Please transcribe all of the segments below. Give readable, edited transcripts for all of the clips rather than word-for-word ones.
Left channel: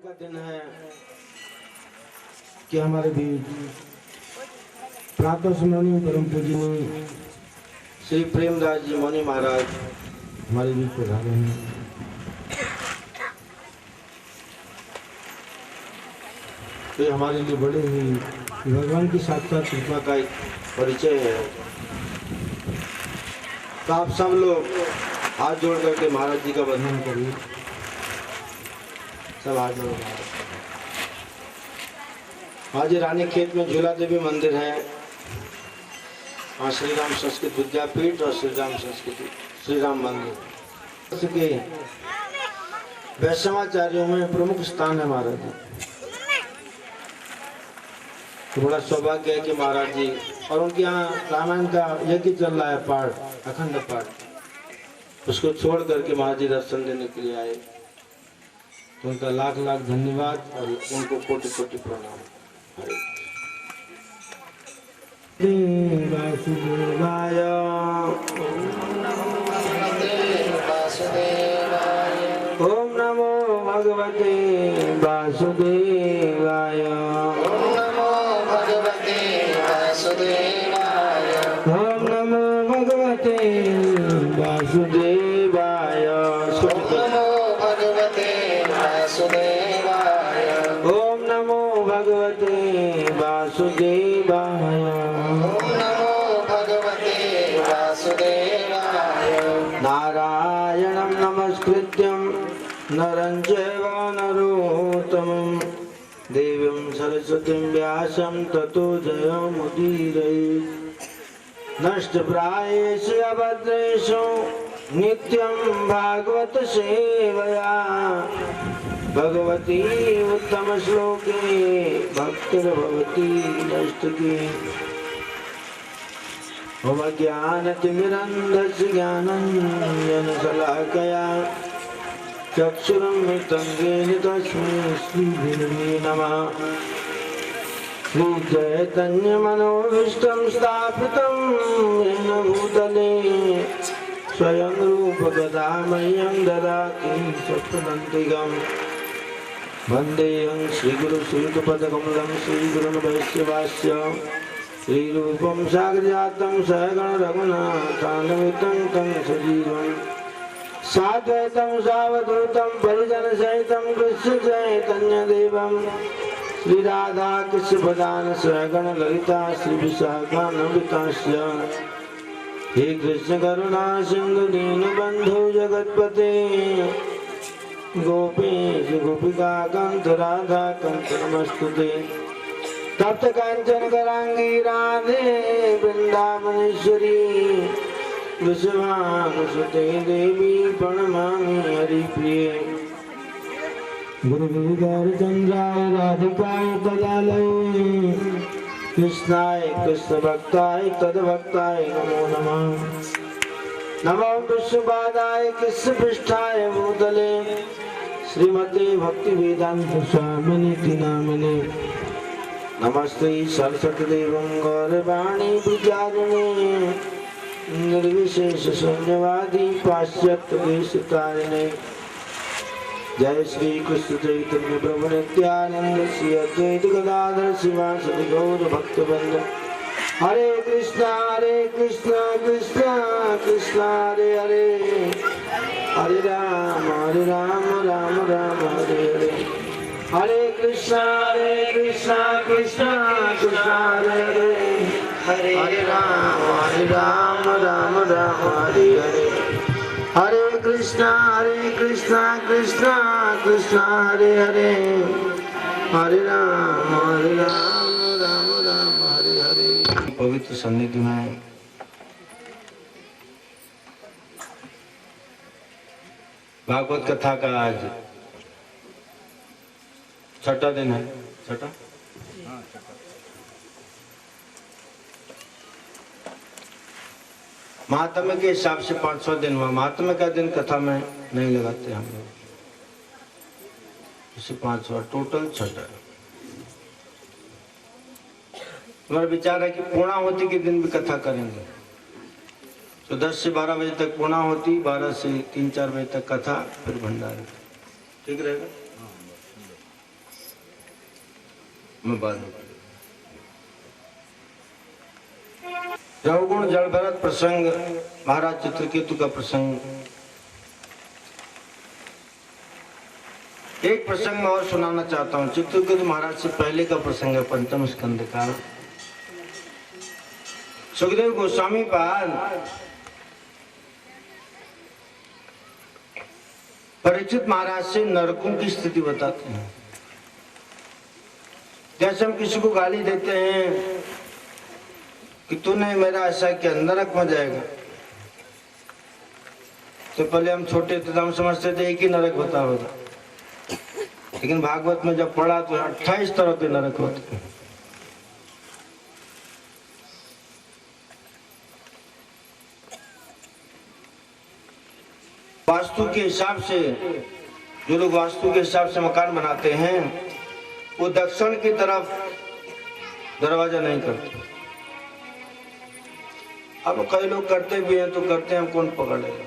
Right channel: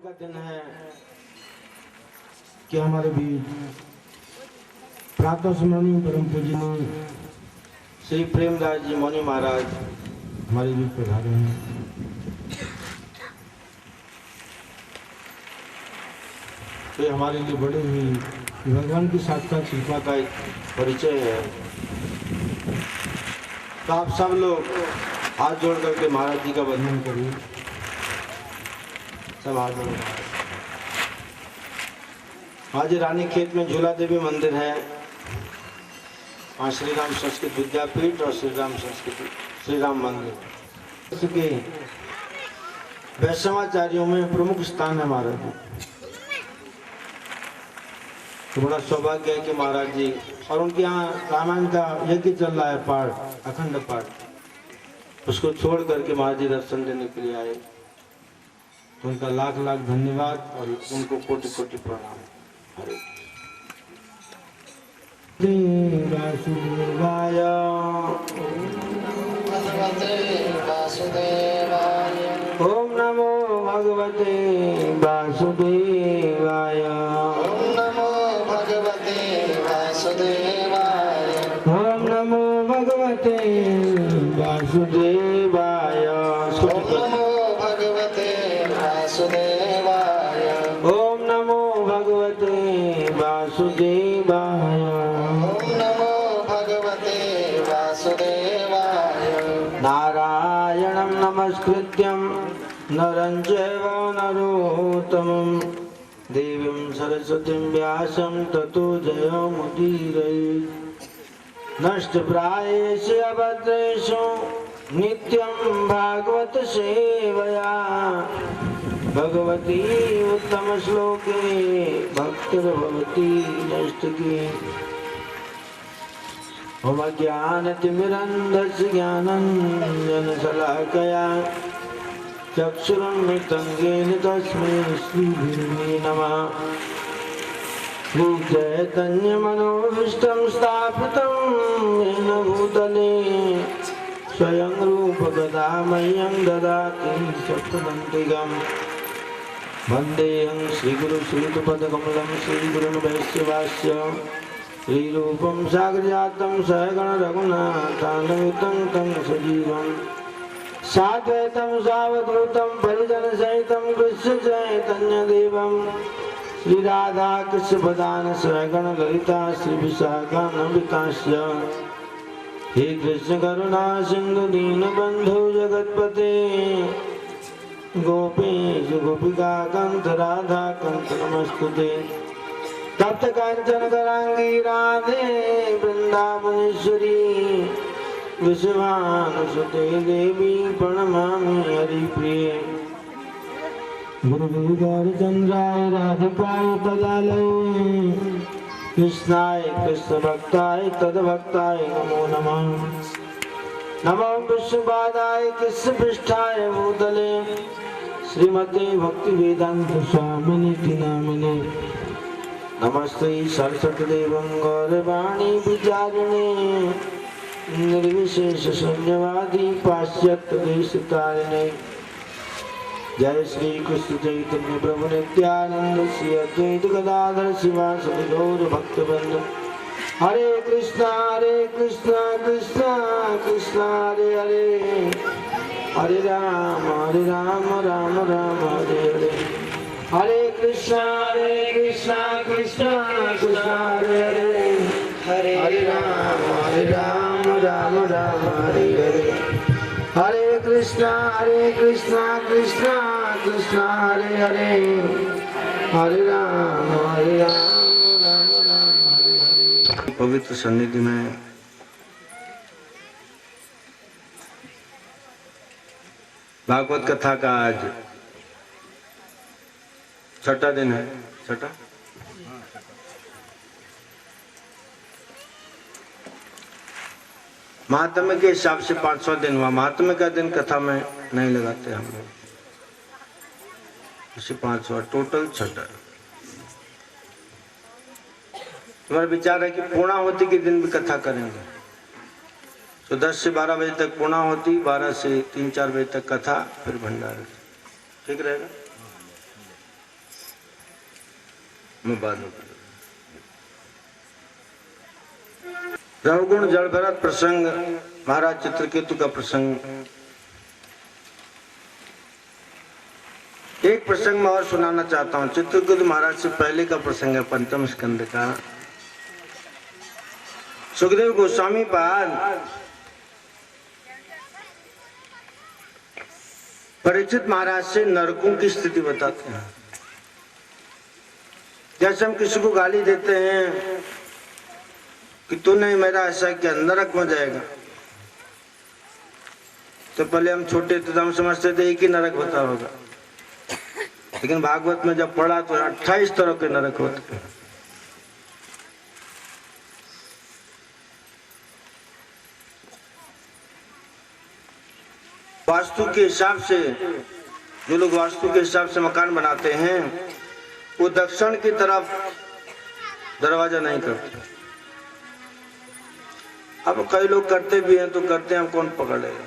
का दिन है कि हमारे बीच प्रातः स्मरणीय परम पूजनीय श्री प्रेमदास जी मौनी महाराज हमारे बीच पधारे हैं। तो ये हमारे लिए बड़े ही भगवान की साक्षात कृपा का एक परिचय है। तो आप सब लोग हाथ जोड़ करके महाराज जी का वंदन करिए। सब हाथ जोड़। आज रानी खेत में झूला देवी मंदिर है। वहाँ श्री राम संस्कृत विद्यापीठ और श्री राम संस्कृत श्री राम मंदिर के वैष्णवाचार्यों में प्रमुख स्थान है महाराज जी। तो बड़ा सौभाग्य है कि महाराज जी और उनके यहाँ रामायण का यज्ञ चल रहा है, पाठ अखंड पाठ, उसको छोड़ करके महाराज जी दर्शन देने के लिए आए। तो उनका लाख लाख धन्यवाद और उनको कोटि कोटि प्रणाम। हरे वासुदेवाय ओम नमो भगवते वासुदेवाय ओम नमो भगवते वासुदेवाय ओम नमो भगवते वासुदेवाय ओम नमो भगवते वासुदेवाय ओम नमो भगवते वासुदेवाय ओम नमो भगवते वासुदेवाय नारायणं नमस्कृत्यं नरं चैव नरोत्तमं देवीं सरस्वतीं व्यासं ततो जयमुदीरयेत्। नष्टप्रायेषु अभद्रेषु नित्यं भागवत सेवया भगवती उत्तम श्लोके भक्तिर्भवती नष्टकी। मम ज्ञानतिमिरन्धस्य ज्ञानञ्जनशलाकया चक्षुरुन्मिलितं येन तस्मै श्रीगुरवे नमः। श्रीचैतन्यमनोभीष्टं स्थापितं येन भूतले स्वयं रूप गदा मह्यं ददाति सत्वदन्तिकम्। वन्देऽहं श्रीगुरुश्रीयुतपदकमलं श्रीगुरुन् वैष्णवास्य श्रीरूपं साग्रजातं सहगण रघुनाथान्वितं तं सजीवम् साद्वैतं सावधूतं परिजनसहितं कृष्ण चैतन्यदेवं श्रीराधा कृष्णपदान सहगण ललिता श्रीविशाखान्वितास्य। हे कृष्ण करुणा सिंधु दीनबन्धु जगत्पते गोपेश गोपिका कांत राधा कांत नमस्तुते। तप्त कांचन गौरांगी राधे वृंदावनेश्वरी विश्वानुसुते देवी प्रणमामि हरिप्रिये। गुरुगौरचंद्राय राधिकाय तदालये कृष्णाय कृष्ण भक्ताय तद्भक्ताय नमो नमः। नमो विष्णुपादाय कृष्ण पृष्ठाय भूतले श्रीमते भक्ति वेदांत स्वामिनिति नामिने। नमस्ते सरस्वती देवं गौरवाणी विचारिणे निर्विशेष शून्यवादी पाश्चात्य देशतारिणे। जय श्री कृष्ण चैतन्य प्रभु नित्यानंद श्री अद्वैत गदाधर शिवासदि गौर भक्तवृंद। हरे कृष्णा कृष्णा कृष्णा हरे हरे, हरे राम राम राम हरे हरे। हरे कृष्णा कृष्णा कृष्णा हरे हरे, हरे राम राम हरे हरे। हरे कृष्णा कृष्णा कृष्णा हरे हरे, हरे राम राम हरे हरे। पवित्र सन्निधि में भागवत कथा का आज छठा दिन है। छठा महात्म्य के हिसाब से 500 दिन हुआ। महात्म्य का दिन कथा में नहीं लगाते हम लोग, इसे 500 टोटल छठा। हमारा विचार है कि पूर्णाहुति के दिन भी कथा करेंगे। तो 10 से 12 बजे तक पूर्णाहुति, 12 से 3-4 बजे तक कथा, फिर भंडारा। ठीक रहेगा? मैं बाद में रवगुण जल भरत प्रसंग, महाराज चित्रकेतु का प्रसंग। एक प्रसंग मैं और सुनाना चाहता हूँ। चित्रकेतु महाराज से पहले का प्रसंग है, पंचम स्कंद का। सुखदेव गोस्वामी पाद परीक्षित महाराज से नरकों की स्थिति बताते हैं। जैसे हम किसी को गाली देते हैं कि तूने मेरा ऐसा किया, नरक में जाएगा, तो पहले हम छोटे थे तो हम समझते थे एक ही नरक होता होगा, लेकिन भागवत में जब पढ़ा तो 28 तरह के नरक होते हैं। वास्तु के हिसाब से, जो लोग वास्तु के हिसाब से मकान बनाते हैं वो दक्षिण की तरफ दरवाजा नहीं करते। अब कई लोग करते भी हैं तो करते हैं, कौन पकड़ लेगा।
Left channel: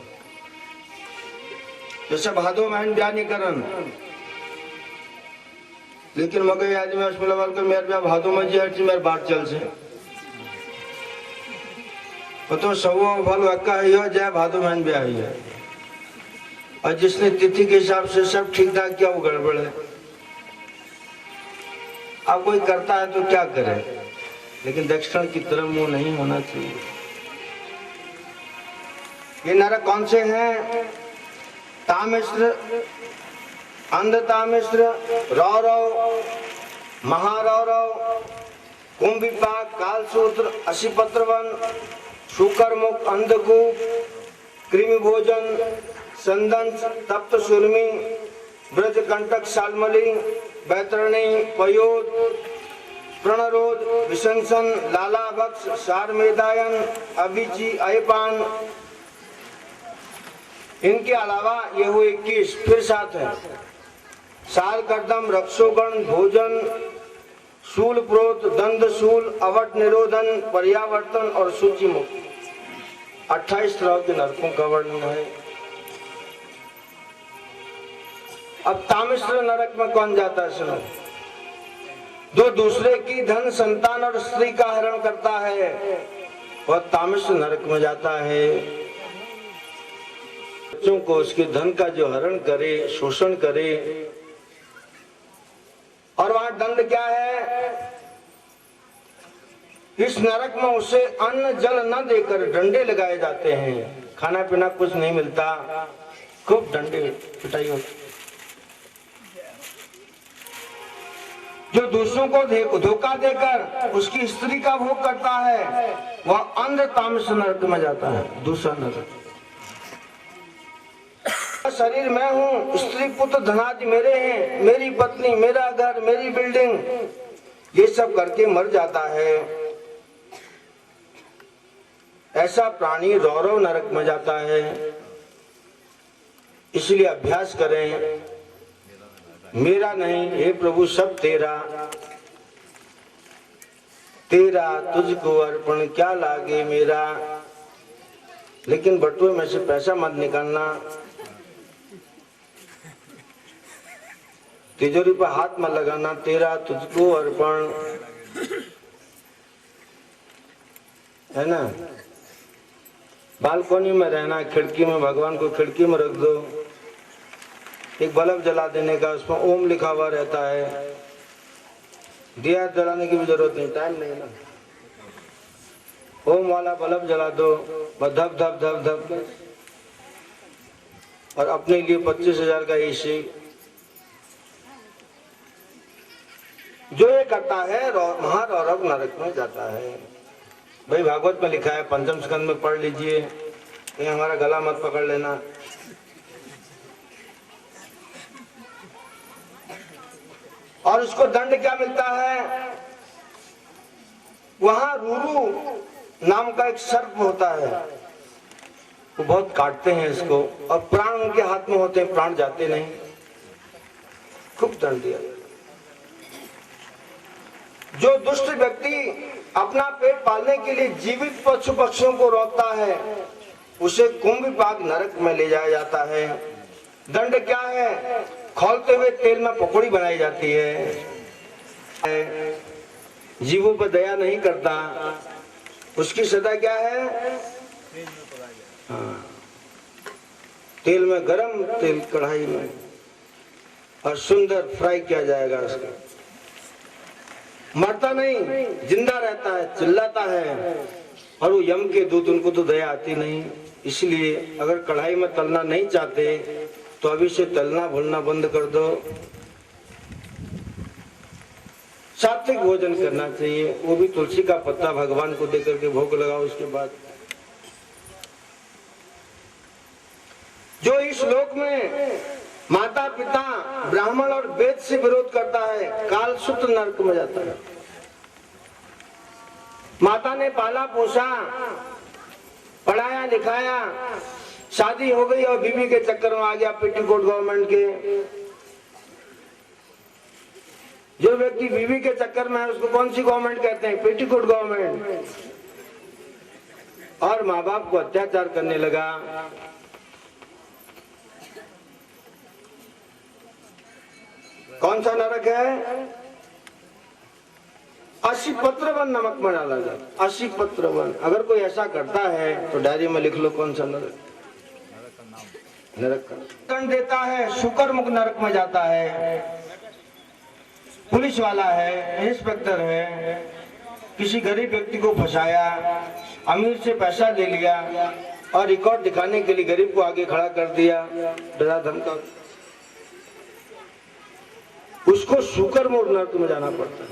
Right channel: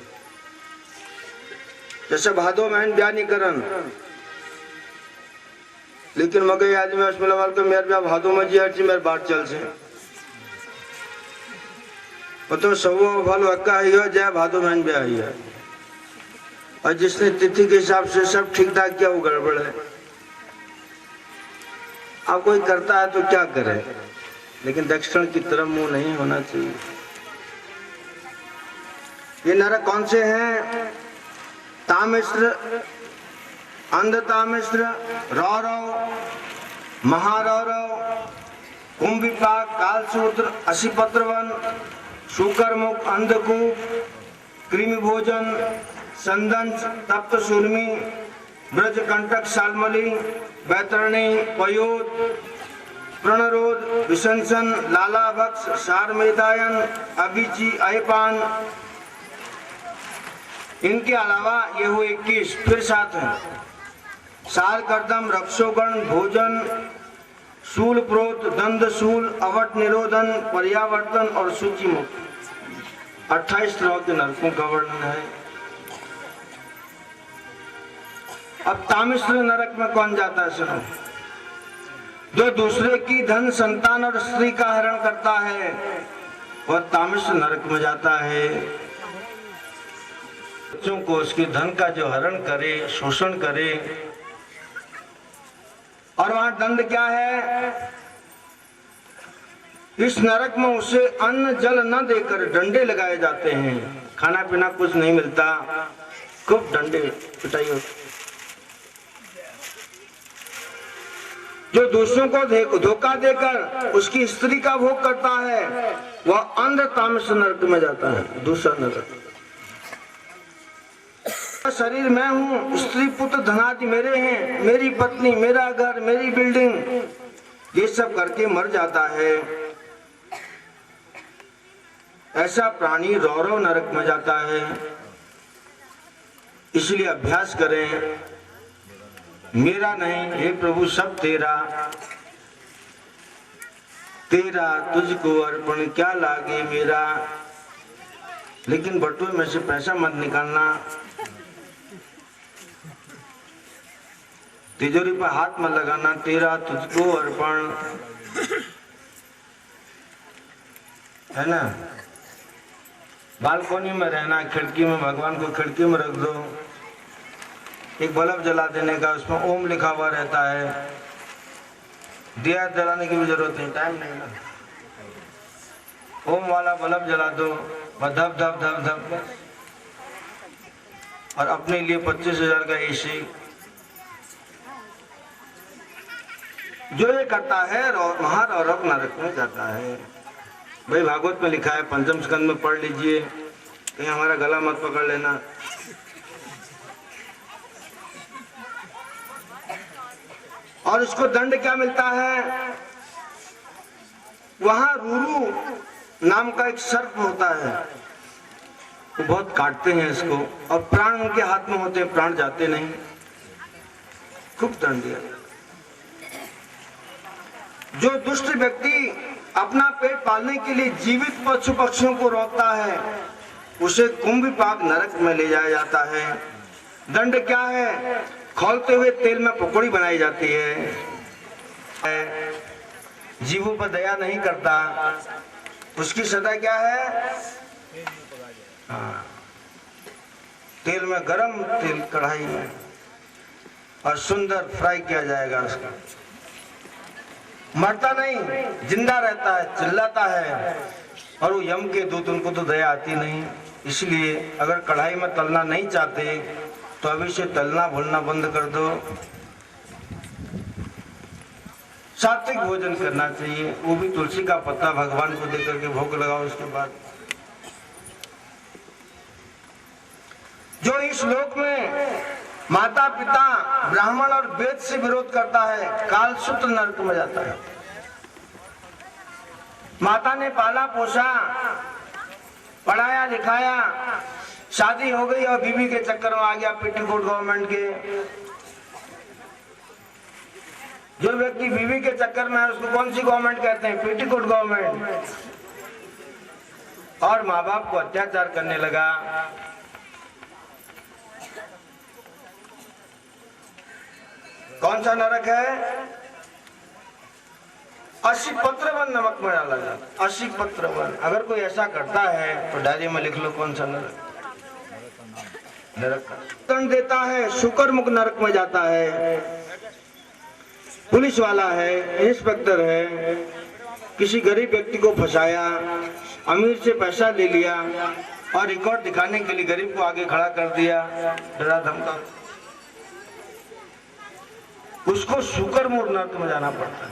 जैसे भादो महीन ब्याह नहीं करन, लेकिन मगे आदमी वाल के मेरे ब्याह भादो में जी मेरे बात चल से वो तो सब भल वक्का है जाए भादो महीन ब्याह ही है, और जिसने तिथि के हिसाब से सब ठीक ठाक किया वो गड़बड़ है। अब कोई करता है तो क्या करे, लेकिन दक्षिण की तरफ मुंह नहीं होना चाहिए। ये नरक कौन से हैं? तामिश्र, अंध तामिश्र, रौरव, महारौरव, कुंभिपाक, कालसूत्र, असीपत्रवन, शुकरमुख, अंधकूप, कृमि भोजन, संदंश, तप्त सुरमी, ब्रजकंटक, शालमली, बैतरणी, पयोद, प्रणरोध, विशंसन, लालाभक्ष, शारमेदायन, अभिची, अयपान। इनके अलावा ये हुए 21, फिर 7 है। सार कर्दम, रक्षोगण, भोजन, शूल प्रोत, दंड शूल, अवट निरोधन, पर्यावर्तन और सूची मुक्त। 28 तरह के नरकों का वर्णन है। अब तामिश्र नरक में कौन जाता है सुनो? जो दूसरे की धन, संतान और स्त्री का हरण करता है वह तामिश्र नरक में जाता है। बच्चों को उसके धन का जो हरण करे, शोषण करे, और वहां दंड क्या है? इस नरक में उसे अन्न जल न देकर डंडे लगाए जाते हैं। खाना पीना कुछ नहीं मिलता, खूब डंडे पिटाई होती। जो दूसरों को धोखा देकर उसकी स्त्री का भोग करता है वह अंध तामस नरक में जाता है, दूसरा नरक। शरीर मैं हूँ, स्त्री पुत्र धनादि मेरे हैं, मेरी पत्नी, मेरा घर, मेरी बिल्डिंग, ये सब करके मर जाता है। ऐसा प्राणी रौरव नरक में जाता है। इसलिए अभ्यास करें, मेरा नहीं हे प्रभु सब तेरा, तेरा तुझको अर्पण क्या लागे मेरा। लेकिन बटुए में से पैसा मत निकालना, तिजोरी पर हाथ मत लगाना। तेरा तुझको अर्पण, है ना। बालकोनी में रहना, खिड़की में, भगवान को खिड़की में रख दो। एक बल्ब जला देने का, उसमें ओम लिखा हुआ रहता है। दिया जलाने की भी जरूरत नहीं, टाइम नहीं ना। ओम वाला बल्ब जला दो, बस धप धप धप धप। और अपने लिए 25,000 का एसी। जो ये करता है महारौरव नरक में जाता है। भाई भागवत में लिखा है, पंचम स्कंद में पढ़ लीजिए, कहीं हमारा गला मत पकड़ लेना। और इसको दंड क्या मिलता है? वहां रूरू नाम का एक सर्प होता है, वो बहुत काटते हैं इसको, और प्राण उनके हाथ में होते हैं, प्राण जाते नहीं। खूब दंड दिया। जो दुष्ट व्यक्ति अपना पेट पालने के लिए जीवित पशु पक्षियों को रोकता है उसे कुंभिपाक नरक में ले जाया जाता है। दंड क्या है? खौलते हुए तेल में पकौड़ी बनाई जाती है। जीवों पर दया नहीं करता, उसकी सजा क्या है? हाँ, तेल में, गरम तेल कढ़ाई में, और सुंदर फ्राई किया जाएगा उसका। मरता नहीं, जिंदा रहता है, चिल्लाता है, और वो यम के दूत, उनको तो दया आती नहीं। इसलिए अगर कढ़ाई में तलना नहीं चाहते तो अभी से तलना भूलना बंद कर दो। सात्विक भोजन करना चाहिए, वो भी तुलसी का पत्ता भगवान को देकर के भोग लगाओ। उसके बाद जो इस लोक में माता पिता ब्राह्मण और वेद से विरोध करता है, कालसूत्र नरक में जाता है। माता ने पाला पोसा, पढ़ाया लिखाया, शादी हो गई और बीवी के चक्कर में आ गया पेटीकोट गवर्नमेंट के। जो व्यक्ति बीवी के चक्कर में है उसको कौन सी गवर्नमेंट कहते हैं? Petticoat government. और माँ बाप को अत्याचार करने लगा। कौन सा नरक है? 80 पत्र वन नमक में डाला जाता। 80 पत्र वन। अगर कोई ऐसा करता है तो डायरी में लिख लो कौन सा नरक का दंड देता है। शुक्रमुख नरक में जाता है। पुलिस वाला है, इंस्पेक्टर है, किसी गरीब व्यक्ति को फंसाया, अमीर से पैसा ले लिया और रिकॉर्ड दिखाने के लिए गरीब को आगे खड़ा कर दिया, डरा धमका, उसको शुक्रमुख नरक में जाना पड़ता है।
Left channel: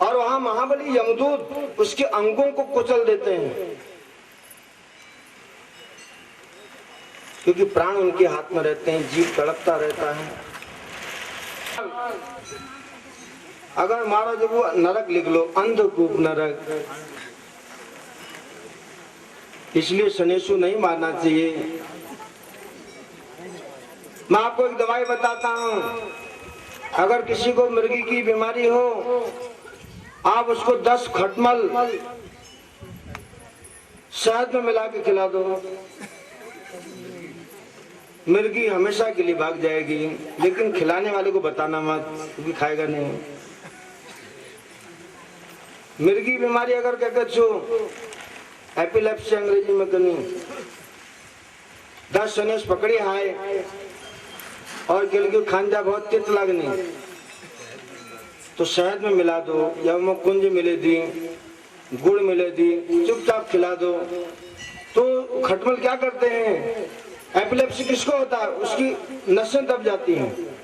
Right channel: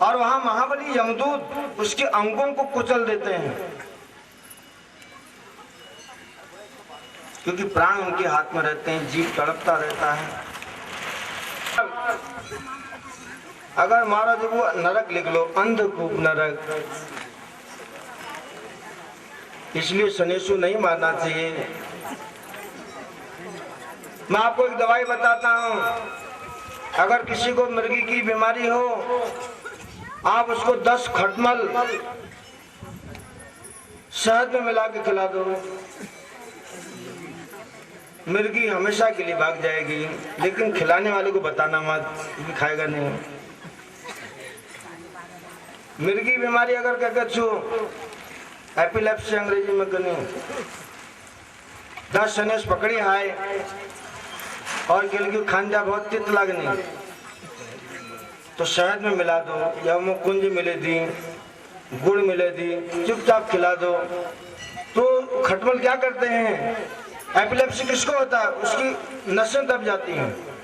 और वहां महाबली यमदूत उसके अंगों को कुचल देते हैं, क्योंकि प्राण उनके हाथ में रहते हैं, जीव तड़पता रहता है। अगर मारो देखो नरक लिख लो, अंधकूप नरक। इसलिए शनेशु नहीं मारना चाहिए। मैं आपको एक दवाई बताता हूं। अगर किसी को मिर्गी की बीमारी हो, आप उसको 10 खटमल शहद में मिला के खिला दो, मिर्गी हमेशा के लिए भाग जाएगी। लेकिन खिलाने वाले को बताना मत, क्योंकि खाएगा नहीं। मिर्गी बीमारी अगर कहकर छो, एपिलेप्सी अंग्रेजी में करनी, 10 शनेश पकड़ी आए और गिलगी खांजा बहुत तित लगनी, तो शहद में मिला दो या वो कुंज मिले दी, गुड़ मिले दी, चुपचाप खिला दो। तो खटमल क्या करते हैं? एपिलेप्सी किसको होता है? उसकी नसें दब जाती हैं,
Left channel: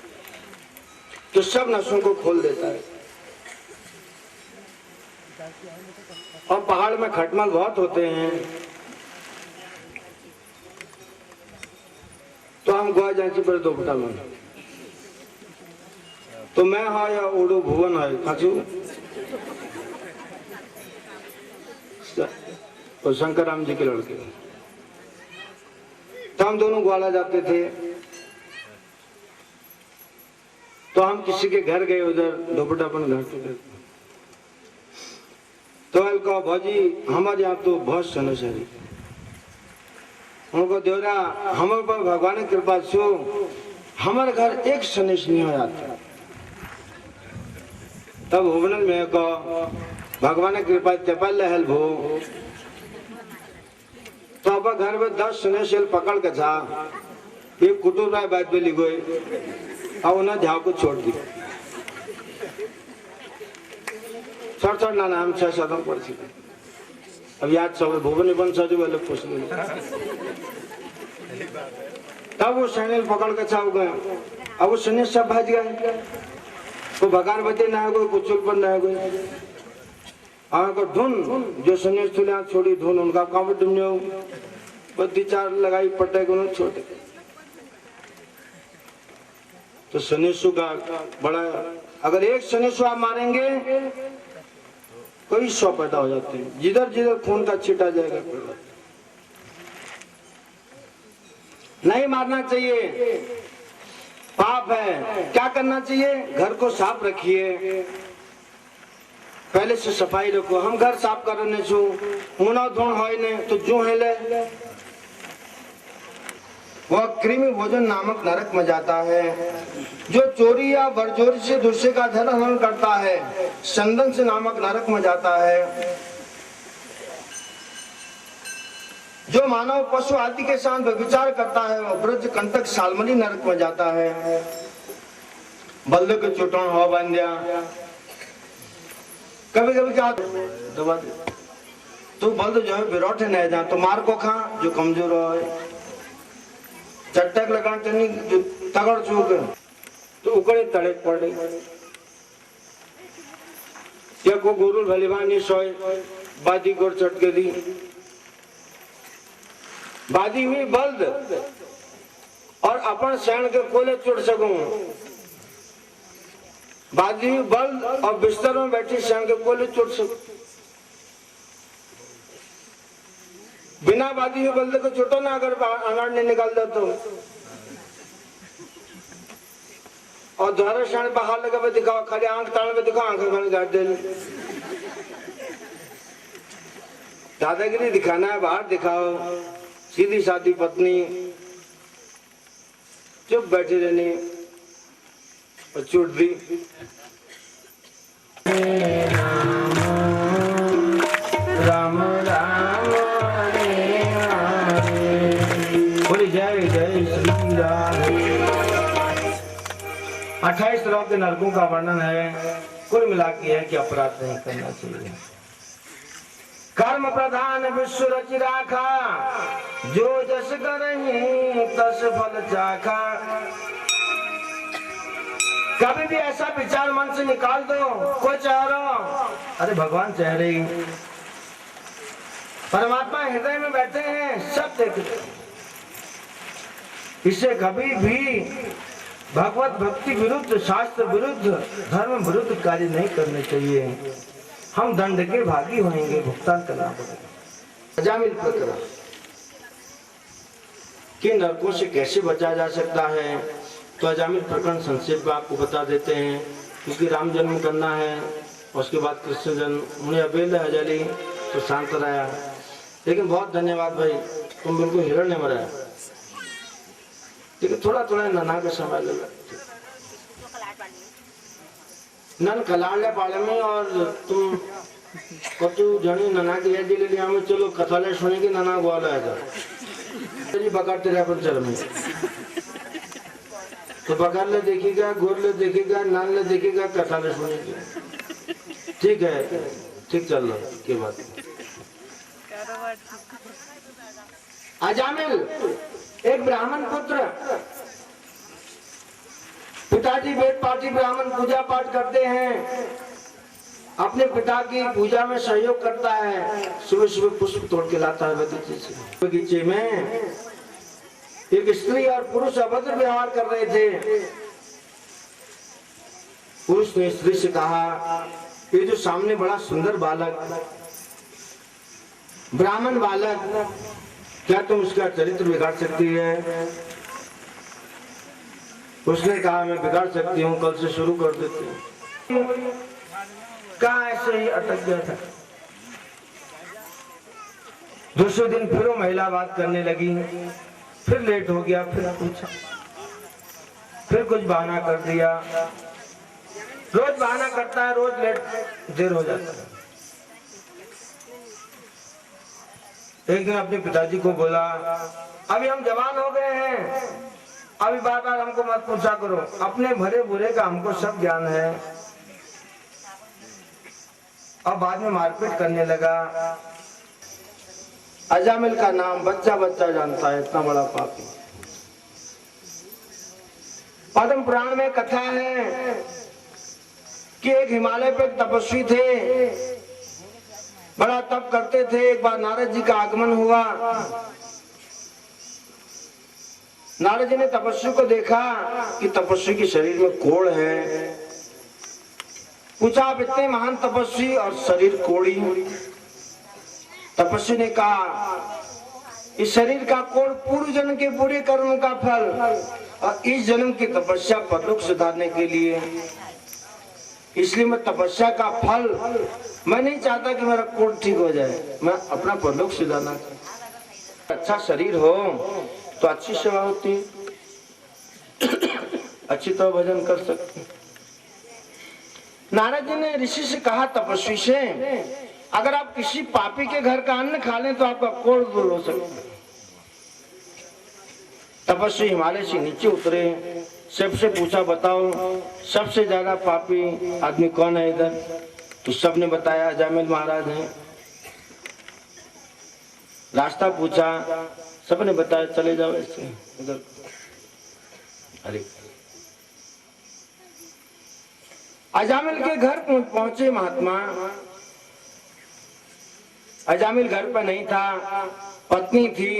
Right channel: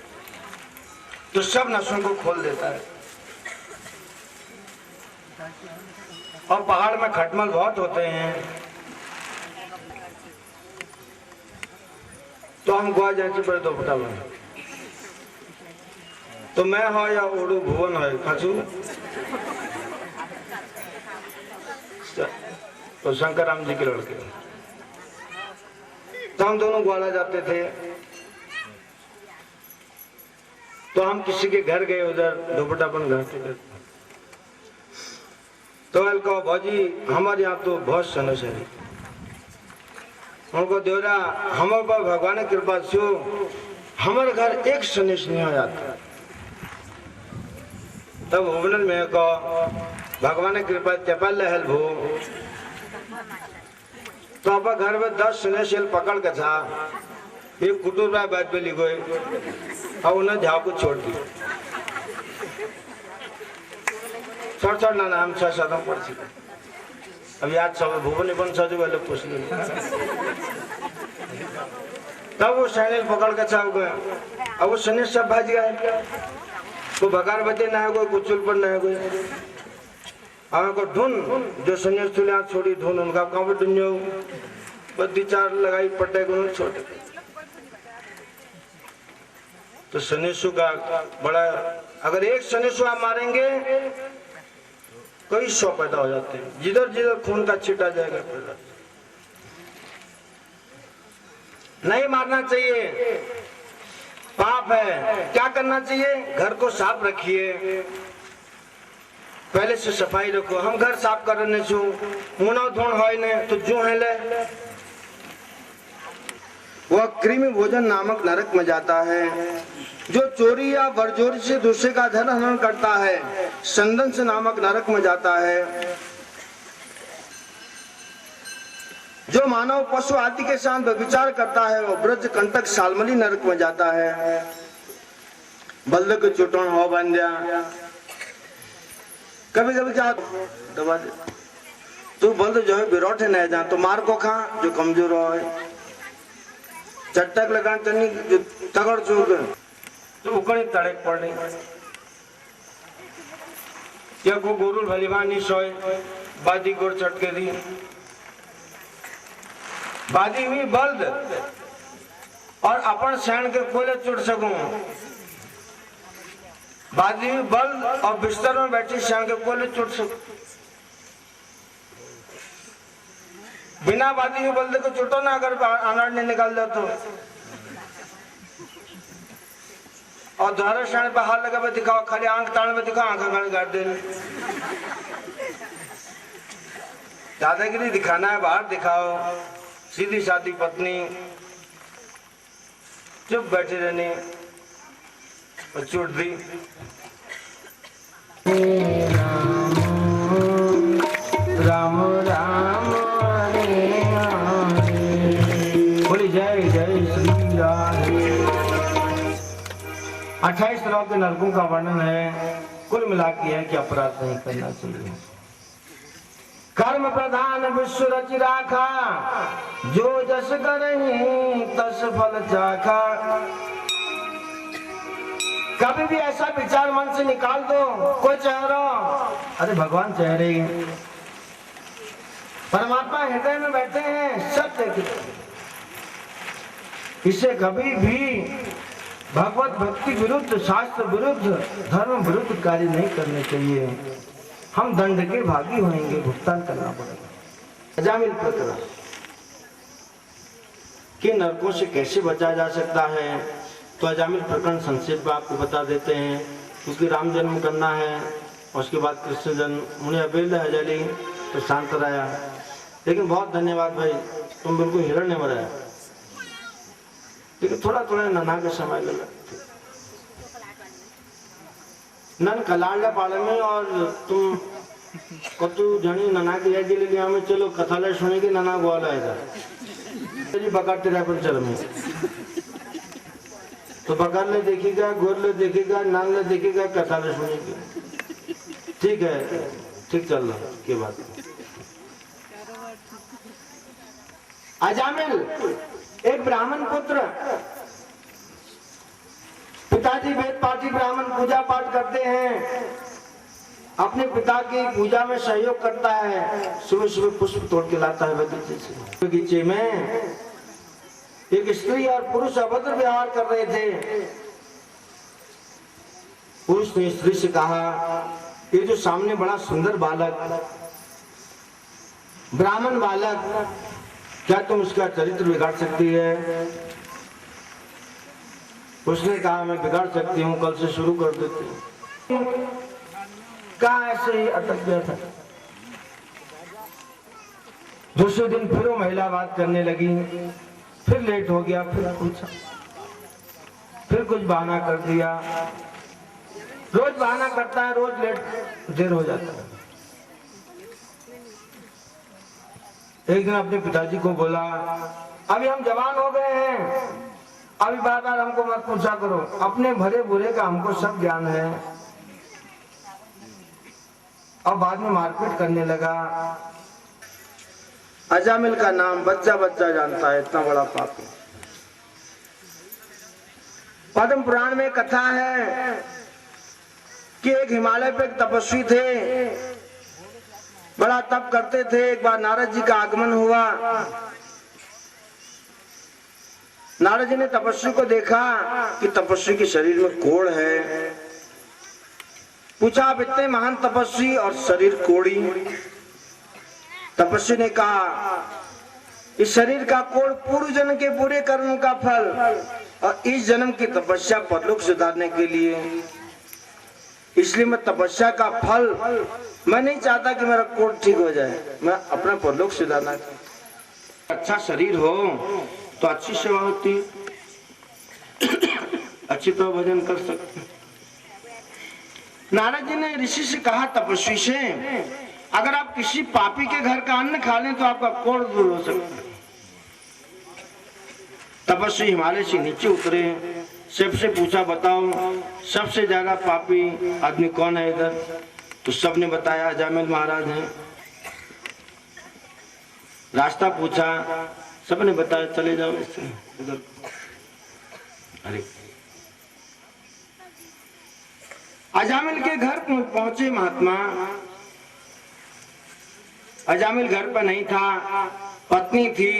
तो सब नसों को खोल देता है। और पहाड़ में खटमल बहुत होते हैं, तो हम गोवा जाए पर दोपटा में, तो मैं हो या ओडू भुवन हो खाचू, तो शंकर राम जी के लड़के, तो हम दोनों ग्वाला जाते थे। तो हम किसी के घर गए, उधर दोपटापन घर पे, तो कहो भौजी हमारे यहाँ तो बहुत सनस है। उनको देवरा हमारे पर भगवान की कृपा से हमारे घर एक सनेश नहीं आ जाता। तब भुवनल में कहो भगवान की कृपा चपल लहल भो, तो आप घर में 10 सनेश पकड़ के था, एक कुटुर भाई बात पे लिखो और उन्हें झाव को छोड़ दी। छोड़ ना हम 6-7 पढ़ चुके। अब याद सब भुवन बन सजो वाले पूछ लो। तब वो सैनिल पकड़ के छाव गए। अब वो सैनिक सब भाज गए, तो भगार बचे ना है कोई, कुचल पर ना है कोई। और को ढूंढ जो सैनिक चुले हाथ छोड़ी ढूंढ, उनका काम ढूंढो, बद्दी 4 लगाई पटे को छोटे। तो सनेशु का बड़ा, अगर एक सनेशु आप मारेंगे कई 100 पैदा हो जाते हैं, जिधर जिधर खून का छिटा जाएगा। नहीं मारना चाहिए, पाप है। क्या करना चाहिए? घर को साफ रखिए, पहले से सफाई रखो। हम घर साफ करने छू मुना धुण होय ने तो जो है ले वह कृमि भोजन नामक नरक में जाता है। जो चोरी या बरजोरी से दूसरे का धन हरण करता है चंदन से नामक नरक में जाता है। जो मानव पशु आदि के साथ व्यभिचार करता है वह ब्रज कंटक सालमली नरक में जाता है। बल्द के चोटन हो बंदिया कभी कभी क्या दबा दे तू बल्द जो है बिरोठे नहीं जा तो मार को खा जो कमजोर हो चट्टक लगान तो नहीं जो तगड़ चूर कर तो उकड़े तड़क पड़ रही क्या को गोरुल भलीवानी सोए बादी गोर चटके दी बादी हुई बल्द और अपन सैन के कोले चुट सकूं बादी हुई बल्द और बिस्तर में बैठी सैन के कोले चुट सकूं बिना बादी हुई बल्द को चुटो ना अगर अनार नहीं निकाल दे तो और द्वारा शान पे हाथ लगा पे दिखाओ खड़े आंख ताड़ में दिखाओ आंख गाड़ गाड़ दे दादागिरी दिखाना है बाहर दिखाओ सीधी सादी पत्नी चुप बैठी रहनी और चोट दी राम राम बोली जय जय श्री राधे। 28 श्लोक के नरकों का वर्णन है। कुल मिला के है कि अपराध नहीं करना चाहिए। कर्म प्रधान विश्व रचि राखा जो जस करहि तस फल चाखा। कभी भी ऐसा विचार मन से निकाल दो कोई चेहरा अरे भगवान चेहरे परमात्मा हृदय में बैठे हैं सब देखते इसे कभी भी भगवत भक्ति विरुद्ध शास्त्र विरुद्ध धर्म विरुद्ध कार्य नहीं करने चाहिए। हम दंड के भागी होंगे भुगतान करना पड़ेगा। अजामिल प्रकरण कि नरकों से कैसे बचा जा सकता है तो अजामिल प्रकरण संक्षेप में आपको बता देते हैं क्योंकि राम जन्म करना है और उसके बाद कृष्ण जन्म उन्हें अबेल हजली तो शांत रहा। लेकिन बहुत धन्यवाद भाई तुम बिल्कुल हिरण्य में रहा लेकिन थोड़ा थोड़ा नना का समय लगा नन कलाड़ पाले में और तुम कतु जनी नना की याद ले लिया में चलो कथाले सुने की नना ग्वाला है जी पकड़ते रहे पर चल में तो पकड़ ले देखेगा गोर ले देखेगा नान ले देखेगा कथाले सुनेगी ठीक है ठीक चल रहा के बात अजामिल एक ब्राह्मण पुत्र पिताजी वेद पाठी ब्राह्मण पूजा पाठ करते हैं अपने पिता की पूजा में सहयोग करता है सुबह सुबह पुष्प तोड़ के लाता है बगीचे में एक स्त्री और पुरुष अभद्र व्यवहार कर रहे थे। पुरुष ने स्त्री से कहा ये जो सामने बड़ा सुंदर बालक ब्राह्मण बालक क्या तुम उसका चरित्र बिगाड़ सकती है। उसने कहा मैं बिगाड़ सकती हूँ कल से शुरू कर देती हूँ। कहा ऐसे ही अटक गया था। दूसरे दिन फिर वो महिला बात करने लगी फिर लेट हो गया फिर पूछा फिर कुछ बहाना कर दिया। रोज बहाना करता है रोज लेट देर हो जाता है। एक दिन अपने पिताजी को बोला अभी हम जवान हो गए हैं अभी बार बार हमको मत पूछा करो अपने भरे बुरे का हमको सब ज्ञान है। और बाद में मारपीट करने लगा। अजामिल का नाम बच्चा बच्चा जानता है इतना बड़ा पापी। पद्म पुराण में कथा है कि एक हिमालय पे एक तपस्वी थे बड़ा तप करते थे। एक बार नारद जी का आगमन हुआ। नारद जी ने तपस्वी को देखा कि तपस्वी के शरीर में कोढ़ है। पूछा आप इतने महान तपस्वी और शरीर कोढ़ी। तपस्वी ने कहा इस शरीर का कोढ़ पूर्व जन्म के पूरे कर्मों का फल और इस जन्म की तपस्या परलोक सुधारने के लिए। इसलिए मैं तपस्या का फल मैं नहीं चाहता कि मेरा कोढ़ ठीक हो जाए मैं अपना परलोक सुधारना चाहता। अच्छा शरीर हो तो अच्छी सेवा होती, अच्छी तो भजन कर सकते। नारद जी ने ऋषि से कहा, तपस्वी से, अगर आप किसी पापी के घर का अन्न खा लें तो आपका कोढ़ दूर हो सकता है। तपस्वी हिमालय से नीचे उतरे, सबसे पूछा, बताओ सबसे ज्यादा पापी आदमी कौन है इधर? तो सबने बताया अजामिल महाराज हैं। रास्ता पूछा, सबने बताया चले जाओ इससे इधर। अरे अजामिल के घर पहुंचे महात्मा। अजामिल घर पर नहीं था, पत्नी थी,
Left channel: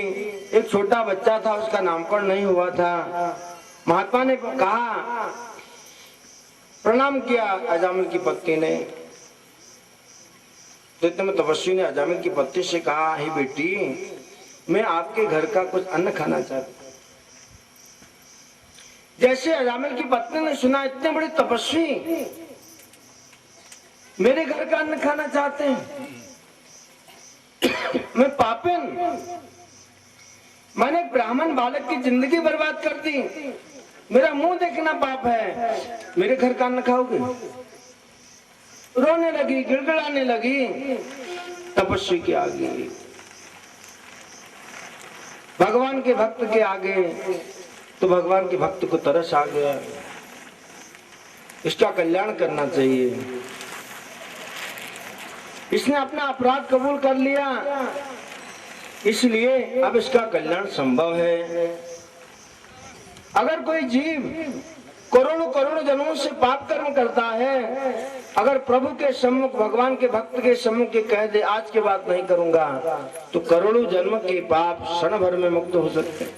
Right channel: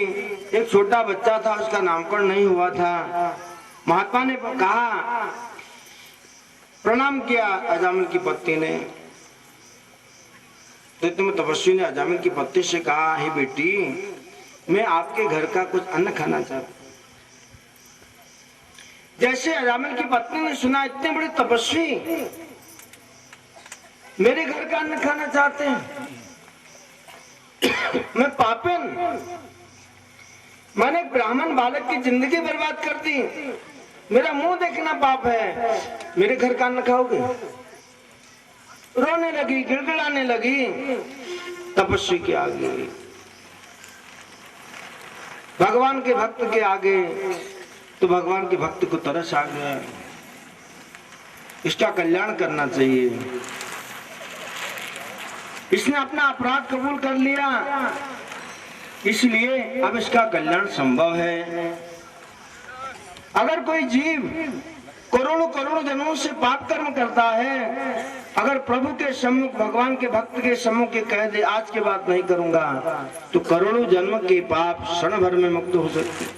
एक छोटा बच्चा था, उसका नामकरण नहीं हुआ था। महात्मा ने कहा, प्रणाम किया अजामिल की पत्नी ने। तो तपस्वी ने अजामिल की पत्नी से कहा, हे बेटी, मैं आपके घर का कुछ अन्न खाना चाहता हूं। जैसे अजामिल की पत्नी ने सुना, इतने बड़े तपस्वी मेरे घर का अन्न खाना चाहते हैं, मैं पापिन, मैंने एक ब्राह्मण बालक की जिंदगी बर्बाद कर दी, मेरा मुंह देखना पाप है, मेरे घर का अन्न खाओगे? रोने लगी, गिड़गिड़ाने लगी तपस्वी के आगे, भगवान के भक्त के आगे। तो भगवान के भक्त को तरस आ गया, इसका कल्याण करना चाहिए। इसने अपना अपराध कबूल कर लिया, इसलिए अब इसका कल्याण संभव है। अगर कोई जीव करोड़ों करोड़ों जन्मों से पाप कर्म करता है, अगर प्रभु के सम्मुख, भगवान के भक्त के सम्मुख के कह दे आज के बाद नहीं करूंगा, तो करोड़ों जन्म के पाप क्षण भर में मुक्त हो सकते हैं।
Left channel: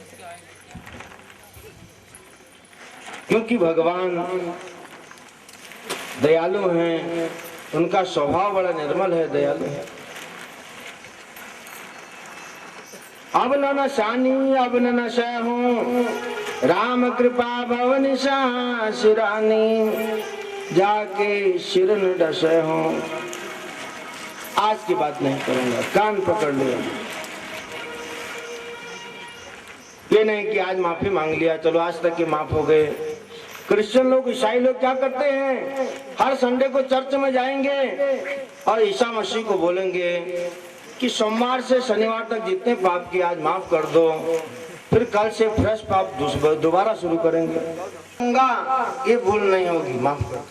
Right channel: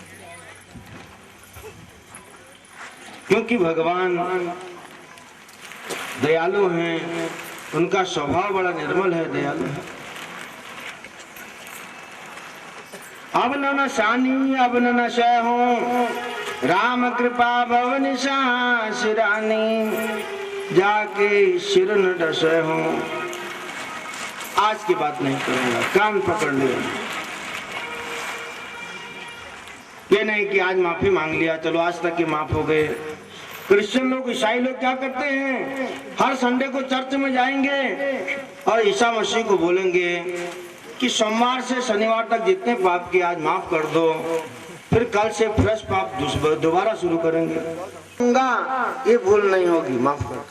क्योंकि भगवान दयालु हैं, उनका स्वभाव बड़ा निर्मल है, दयालु है। अब न शानी अब न शय हूँ, राम कृपा भवन सिरानी, जाके सिर न डसे हूँ, आज की बात नहीं करूंगा, कान पकड़ लिया। ये नहीं कि आज माफी मांग लिया, चलो आज तक के माफ हो गए। क्रिश्चियन लोग, ईसाई लोग क्या करते हैं, हर संडे को चर्च में जाएंगे और ईसा मसीह को बोलेंगे कि सोमवार से शनिवार तक जितने पाप किए आज माफ कर दो, फिर कल से फ्रेश पाप दोबारा शुरू करेंगे। ये भूल नहीं होगी, माफ कर।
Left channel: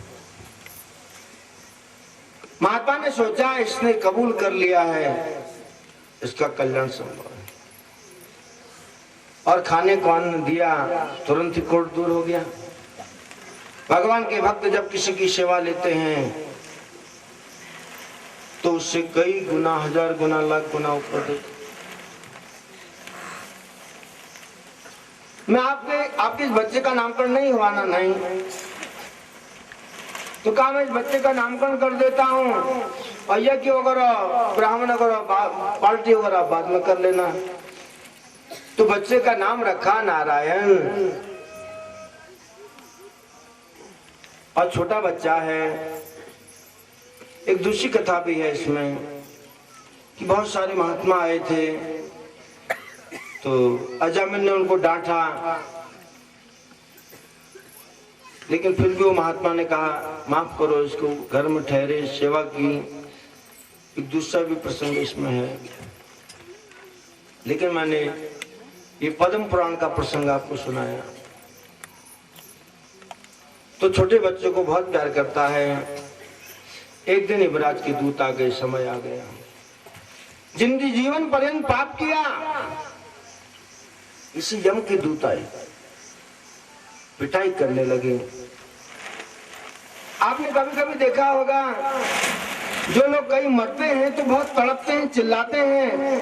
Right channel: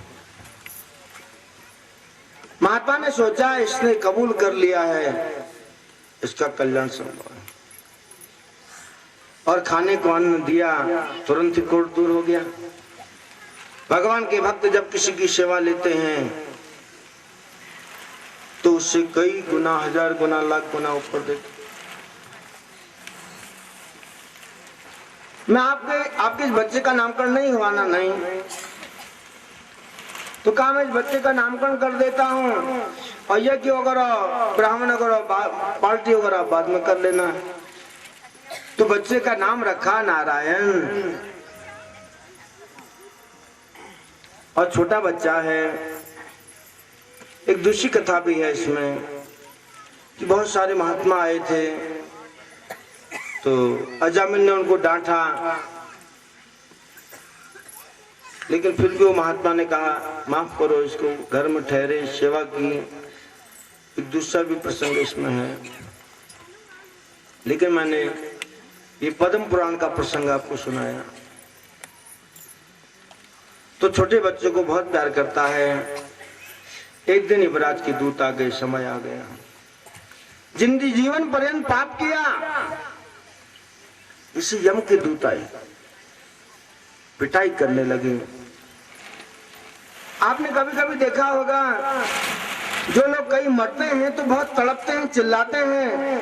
महात्मा ने सोचा, इसने कबूल कर लिया है, इसका कल्याण संभव है। और खाने को अन्न दिया, तुरंत ही कोढ़ दूर हो गया। भगवान के भक्त जब किसी की सेवा लेते हैं तो उससे कई गुना, हजार गुना, लाख गुना ऊपर देते। मैं आपके इस बच्चे का नामकरण नहीं हुआ ना, नहीं, तो कहा मैं इस बच्चे का नामकरण कर देता हूँ, और यह कि वगैरह ब्राह्मण वगैरह पार्टी वगैरह बाद में कर लेना। तो बच्चे का नाम रखा नारायण, और छोटा बच्चा है। एक दूसरी कथा भी है इसमें कि बहुत सारे महात्मा आए थे, तो अजामिल ने उनको डांटा, लेकिन फिर भी वो महात्मा ने कहा माफ करो इसको, घर में ठहरे, सेवा की। एक दूसरा भी प्रसंग इसमें है, लेकिन मैंने ये पद्म पुराण का प्रसंग आपको सुनाया। तो छोटे बच्चे को बहुत प्यार करता है। एक दिन युवराज के दूत आ गए, समय आ गया, जिंदगी जीवन पर्यंत पाप किया, इसी यम के दूत आए, पिटाई करने लगे। आपने कभी कभी देखा होगा, जो लोग कहीं मरते हैं तो बहुत तड़पते हैं, चिल्लाते हैं।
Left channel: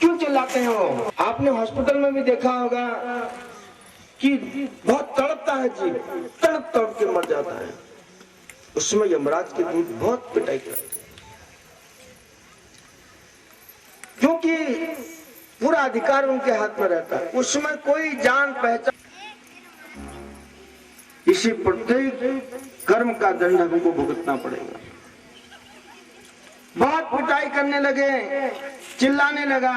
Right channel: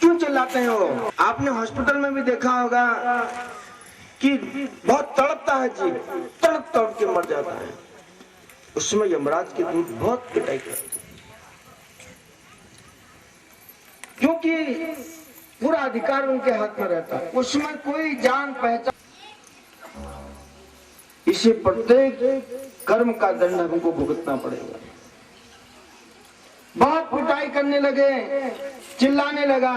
क्यों चिल्लाते हैं वो? आपने हॉस्पिटल में भी देखा होगा कि बहुत तड़पता है जी, तड़प तड़प के मर जाता है। उसमें यमराज के दूत बहुत पिटाई करते, क्योंकि पूरा अधिकार उनके हाथ में रहता है, उसमें कोई जान पहचान। इसे प्रत्येक कर्म का दंड हमको भुगतना पड़ेगा। बहुत पिटाई करने लगे, चिल्लाने लगा,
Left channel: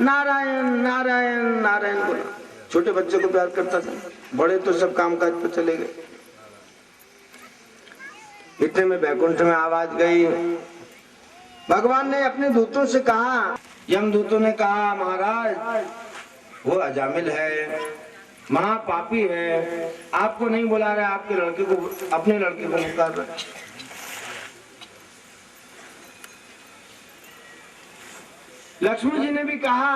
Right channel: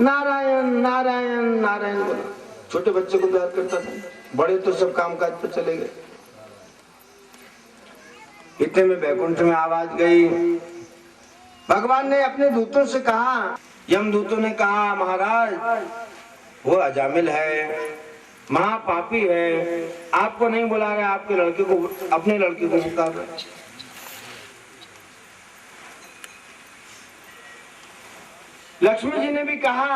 नारायण नारायण नारायण बोला। छोटे बच्चे को प्यार करता था, बड़े तो सब कामकाज पर चले गए। इतने में बैकुंठ में आवाज गई। भगवान ने अपने दूतों से कहा, यमदूतों ने कहा, महाराज वो अजामिल है, महापापी है, आपको नहीं बुला रहे, आपके लड़के को, अपने लड़के को पुकार रहे। लक्ष्मी जी ने भी कहा,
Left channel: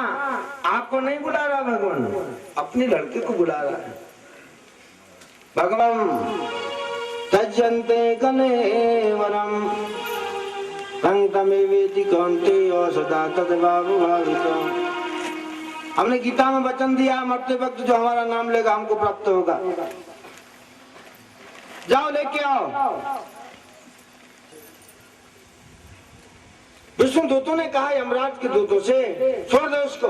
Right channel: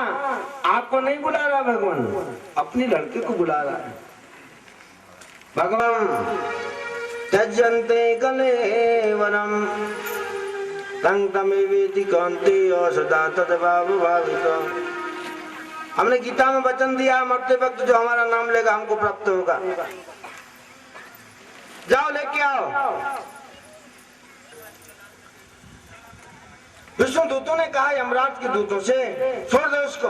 आपको नहीं बुला रहा भगवान, अपने लड़के को बुला रहा है। भगवान त्यजन्ते कलेवरम तमेवेति कौन्तेय सदा तद्भाव भावितम्। हमने गीता में वचन दिया, मरते वक्त जो हमारा नाम लेगा हमको प्राप्त होगा। जाओ लेके आओ। विष्णु दूतों ने कहा यमराज के दूतों से, छोड़ दो उसको।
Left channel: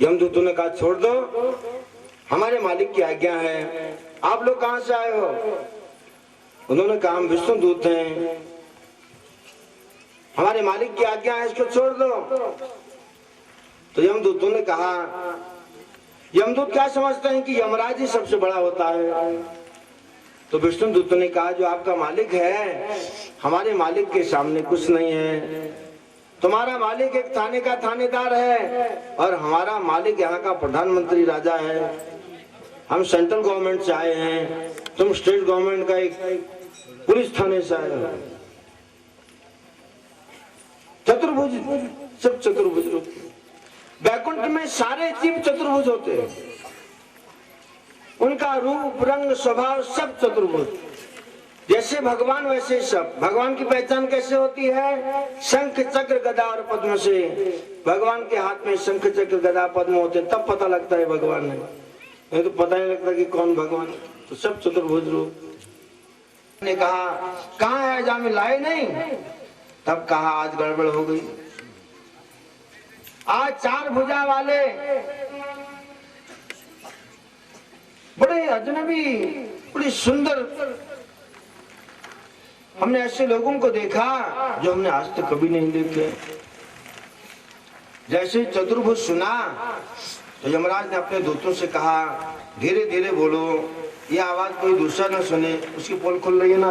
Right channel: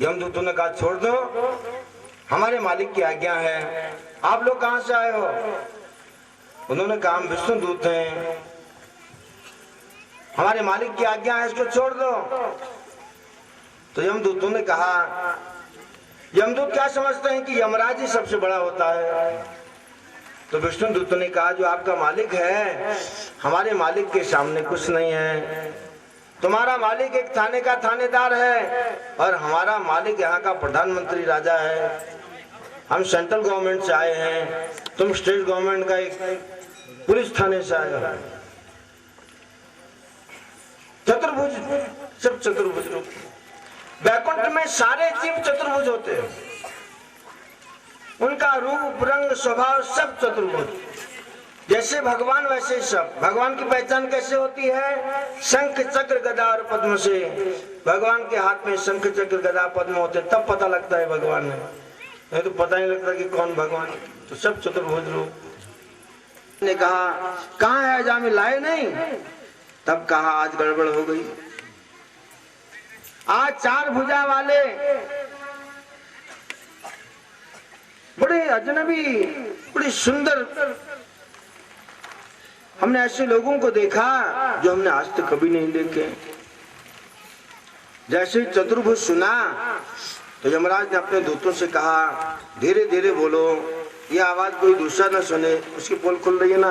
यमदूतों ने कहा छोड़ दो, हमारे मालिक की आज्ञा है। आप लोग कहां से आए हो? उन्होंने कहा हम विष्णु दूत हैं, हमारे मालिक की आज्ञा है, इसको छोड़ दो। तो यमदूतों ने कहा, यमदूत क्या समझते हैं कि यमराज ही सबसे बड़ा होता है? तो विष्णु दूतों ने कहा जो आपका मालिक है, हमारे मालिक के सामने कुछ नहीं है। तुम्हारा मालिक एक थाने का थानेदार है और हमारा मालिक यहाँ का प्रधानमंत्री राजा है। हम सेंट्रल गवर्नमेंट से आए हैं, तुम स्टेट गवर्नमेंट का एक पुलिस थाने से आए हो। चतुर्भुज, सब चतुर्भुज। बैकुंठ में सारे जीव चतुर्भुज होते हैं, उनका रूप रंग स्वभाव सब चतुर्भुज। जैसे भगवान वैसे सब। भगवान की पहचान कैसे होती है? शंख चक्र गदा और पद्म से। भगवान के हाथ में शंख चक्र गदा पद्म होते, तब पता लगता है भगवान है, नहीं तो पता नहीं लगता कि कौन भगवान। तो सब चतुर्भुज रूप। ने कहा कहाँ है अजामिल, लाए नहीं? तब कहा आज गड़बड़ हो गई। आज चार भुजा वाले बड़े अजनबी, बड़ी सुंदर, हमने ऐसे लोगों को देखा जो हमने आज तक कभी नहीं देखे। जैसे चतुर्भुज सुना तो यमराज ने अपने दूतों से कहा धीरे धीरे बोलो, यह आवाज कोई दूसरा न सुने। उसकी पोल खुल रही है ना।